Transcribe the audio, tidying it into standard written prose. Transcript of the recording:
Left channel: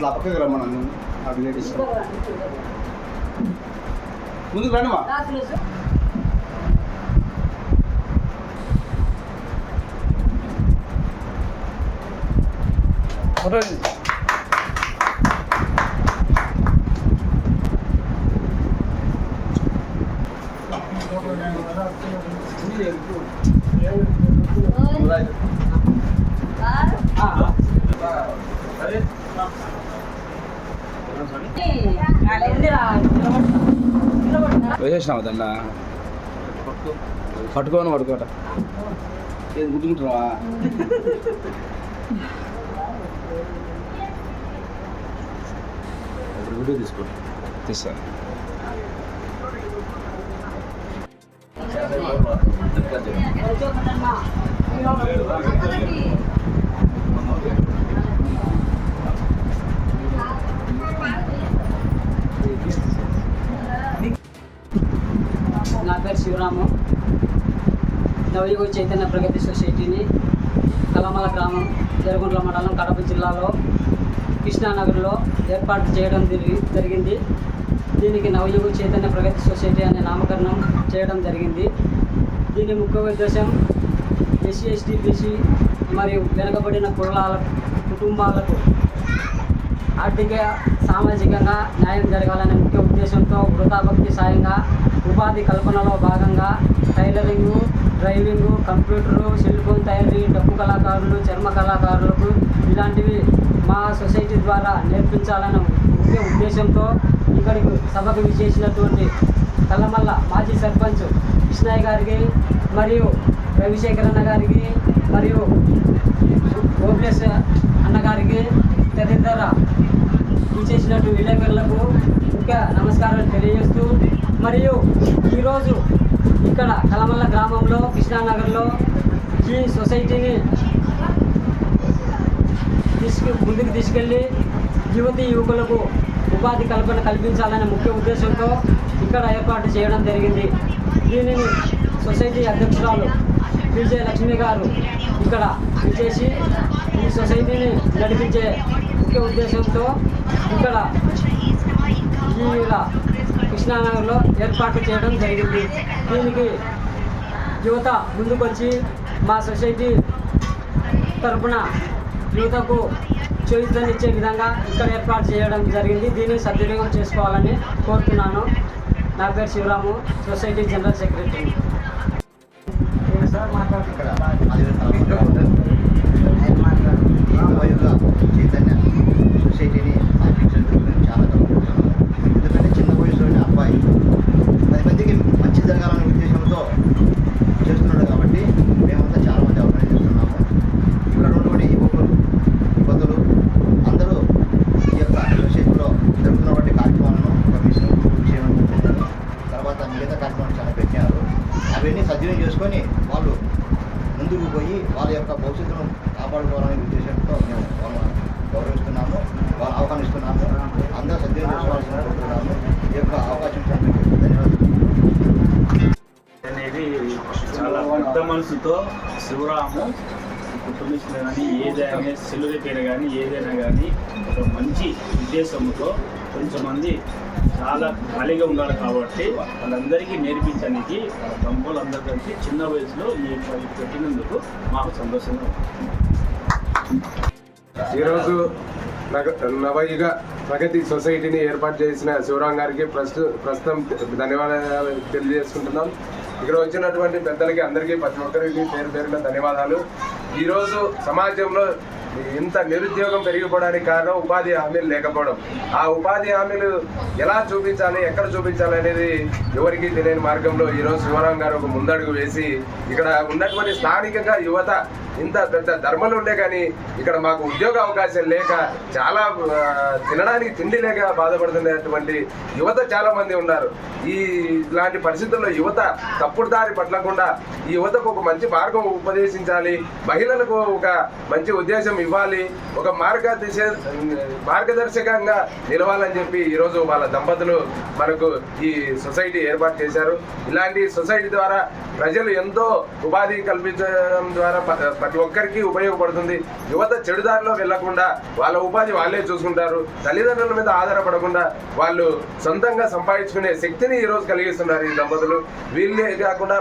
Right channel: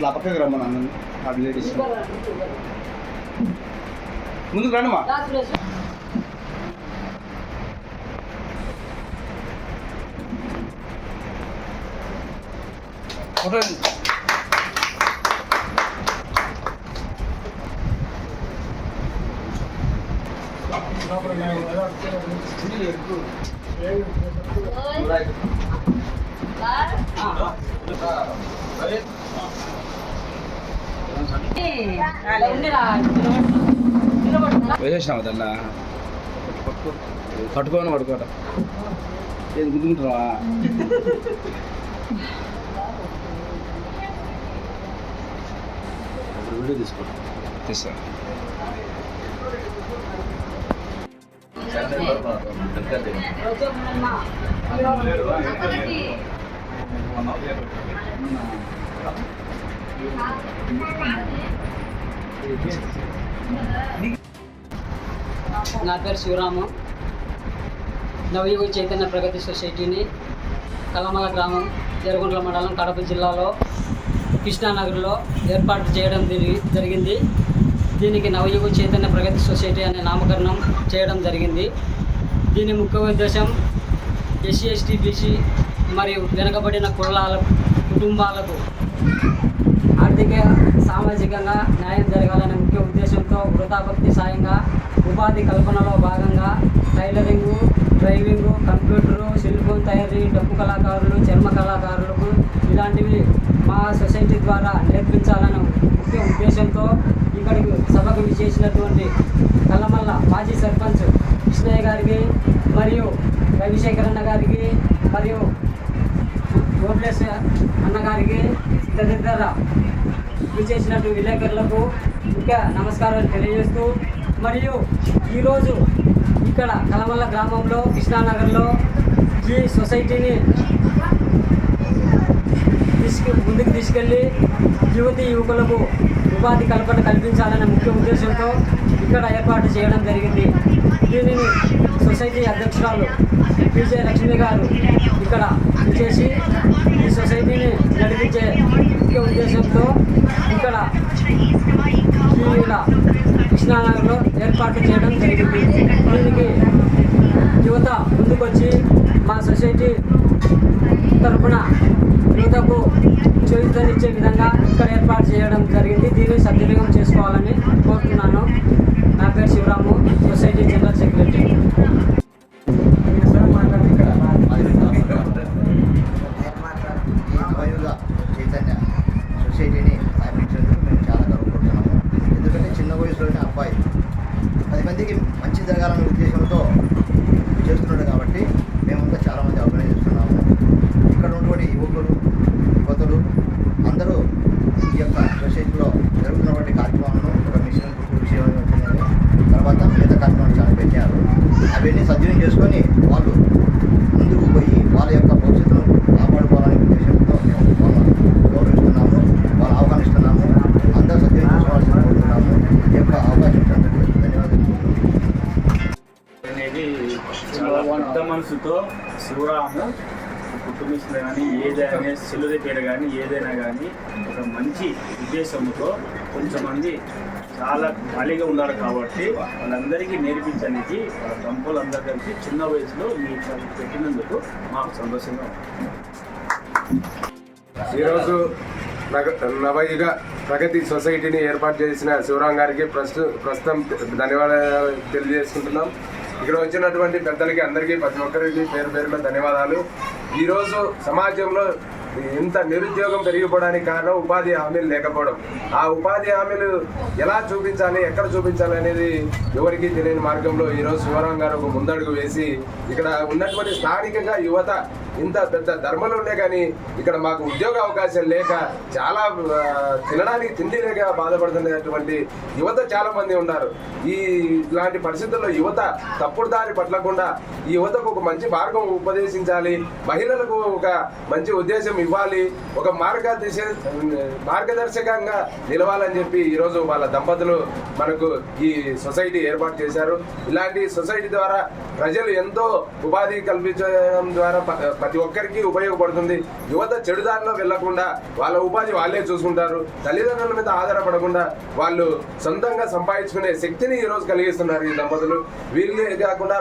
అట్లా పక్కకి రమ్మను ఆ లేడీస్ ముందుకు రండి మా ఫోటో వేసేసినావు దన్న పట్టుకోని పడుకోట ఏది గుర్తుంటావా వీడియో తీస్తాను నా పేరు శివరాము. నవయుగ చైతన్య ప్రగతి సొసైటీని కలమల గ్రామం, జరగుంట్ల మండలం, కడప జిల్లాలో కృష్ణానగర్లో ఏర్పాటు చేయడం జరిగింది. దీనికి నవయుగ చైతన్య ప్రగతి సొసైటీ అనే నామకరణం చేయడం జరిగింది. దీని ముఖ్య ఉద్దేశం ఎస్సీ, ఎస్టీ, బీసీ మరియు వెనుకబడిన కులాల కుటుంబాలకు ఆర్థిక సామాజికంగా న్యాయం జరగాలనే ముఖ్య ఉద్దేశంతో వృధాభక్తి సాయంగా ఉపాధి కల్పనలో భాగంగా tailoring, driving, computer, cell phone తయారీ, డప్పు కళాకారులు, చర్మ కళాకారులకు ఇలాంటివి మా సొసైటీ ద్వారా నేర్పించాలనే ముఖ్య ఉద్దేశంతో ఇక్కడికి సభకు విచ్చేసినటువంటి కల్లమల్ల మాజీ సర్పంచ్ కృష్ణయ్య గారికి మరియు రవిశేఖరన్న గారికి మరియు గోబ్లేశ్ అన్నగారికి తదితర విచ్చేసినట్టు విలేకరులకు ముఖ్య నమస్కారాలు తెలియజేస్తూ, మరియు ఈరోజు ఇక్కడ కలమల్ల గ్రామంలో కృష్ణానగర్లో ఈ సొసైటీని ముందుకు తీసుకెళ్ళి యువతీ యువకులకు ఉపాధి కల్పన కల్పించాలనే ముఖ్య ఉద్దేశంతో ఇక్కడ ఏర్పాటు చేయడం జరిగింది. దీనిని సొసైటీ అధ్యక్షురాలు పిజే లక్ష్మి గారు ఇక్కడ విచ్చేసి ఈ సొసైటీని నడిపించే ముఖ్య ఉద్దేశంతో ఇక్కడ ఇలా కృష్ణానగర్లో ఏర్పాటు చేయడం జరిగింది. దీనికి యువత ముందుకొచ్చి మా సొసైటీ తరఫున యువతకు చేయూతనిచ్చే విధంగా ఇక్కడ ఏర్పాటు చేయడం జరిగింది. దీన్ని సద్వినియోగం చేసుకోవాలని కోరుతున్నాను. నా పేరు Sivaramu, society general secretary. Chaitanya సొసైటీని స్థాపించినందుకు మేము చాలా గర్వపడుతున్నాము. ఎందుకంటే చిన్న వయసులోనే అబ్బాయి 10 మందికి మంచి జరగాలనే ఉద్దేశంతో చేస్తున్నాడు కాబట్టి మేమంతా చాలామంది ఆర్గనైజ్ చేస్తున్నాము. ఇక్కడ ఉన్నటువంటి యువతులు అందరూ ఈ యొక్క సొసైటీలో జరుగుతున్నటువంటి కార్యక్రమాలను ఒక మిషన్ విషయం వచ్చిందని తర్వాత మిగతా కార్యక్రమాలు చాలా పెట్టారు. అవన్నీ సద్వినియోగం చేసుకొని వాళ్ళు ముందుకు పోయి వాళ్ళ యొక్క భవిష్యత్తును కాపాడుకోవాలనే ఉద్దేశంతో మేము వాళ్ళని గౌరవిస్తున్నాము, వాళ్ళు ఆహ్వానిస్తున్నాము. అందరూ సద్వినియోగం చేసుకోవాల్సిన కోరుతున్నాము. ఈ యొక్క అవకాశం ధన్యవాదాలు. అనేది చాలా పెద్ద మనసుతో శివరాము కుటుంబీసులు కానీ ఏదైనా సెల్లుల పేరు కానీ ఏదైనా కానీ ఒక మంచి ఉద్దేశంతో కొంచెమంది చాలా ఖాళీగా ఉన్నారు కాబట్టి వాళ్ళందరికీ నేర్పించడానికి వాళ్ళ దంపతులందరూ కలిసి చిన్న వయసులో ఈ పెట్టినందుకు మాకు సంతోషంగా ఉంది. ఈరోజు నవయుగ ప్రగతి సొసైటీని ఏర్పాటు చేసిన శివరాం గారికి ప్రస్తుతం ధన్యవాదాలు తెలియజేసుకుంటున్నాం. ఇక్కడ వచ్చినటువంటి పెద్దలకి అందరికీ ప్రతి ఒక్కరికి పేరు పేరున ధన్యవాదాలు. ఈరోజు సమాజంలో ఇంత నిరుద్యోగం పెరిగిపోవడానికి కారణం ఉపాధి హామీలు లేకపోవడం. ఆ ఉపాధి హామీలు ఎలా చూపించాలి, ఎక్కడ చూపించాలి అనేది ఎవరికి తెలియని మార్గంలో ఈరోజు శివరాం గారు ఒక ముందడుగు వేసి ఇక్కడ ఉన్నటువంటి స్థానికంగా యువత ఇంత పెద్ద ధర్మలు ఉండే కానీ ఇక్కడ మాకు ఉద్యోగ అవకాశాలు లేక చాలా తినడానికి తిండి లేక బాధపడుతున్నటువంటి యువత చాలా మంది ఉన్నారు. ఇలాంటి పరిస్థితుల్లో యువత తప్పుడు దారి పట్టకుండా ఈ యువతకు ఒక మంచి మార్గం ఉపదేశించాలి, మహిళలకు ఒక మంచి ఉద్దేశం ఇవ్వాలి, ఒక మార్గదర్శకంగా నిలవాలని చెప్పి ఈరోజు వాళ్ళ దంపతులు మనకు ఈ సొసైటీ ఏర్పాటు చేశారు. ఇలాంటి సొసైటీ ద్వారా ప్రజలు ఎంతో ఉపాధి కల్పించడం ద్వారా ప్రతి ఒక్కరికి ఉపయోగపడుతుంది. యువత చెడుదారిలో వెళ్లకుండా వాళ్ళ ఉపాధి వాళ్ళే చూసుకుంటారు. తల్లిదండ్రుల మీద ఆధారపడకుండా వాళ్ళు సొంతంగా సంపాదించుకునే శక్తిని ఈరోజు కలిగిస్తున్నారు ఈ దంపతులు. వీళ్ళే కాకుండా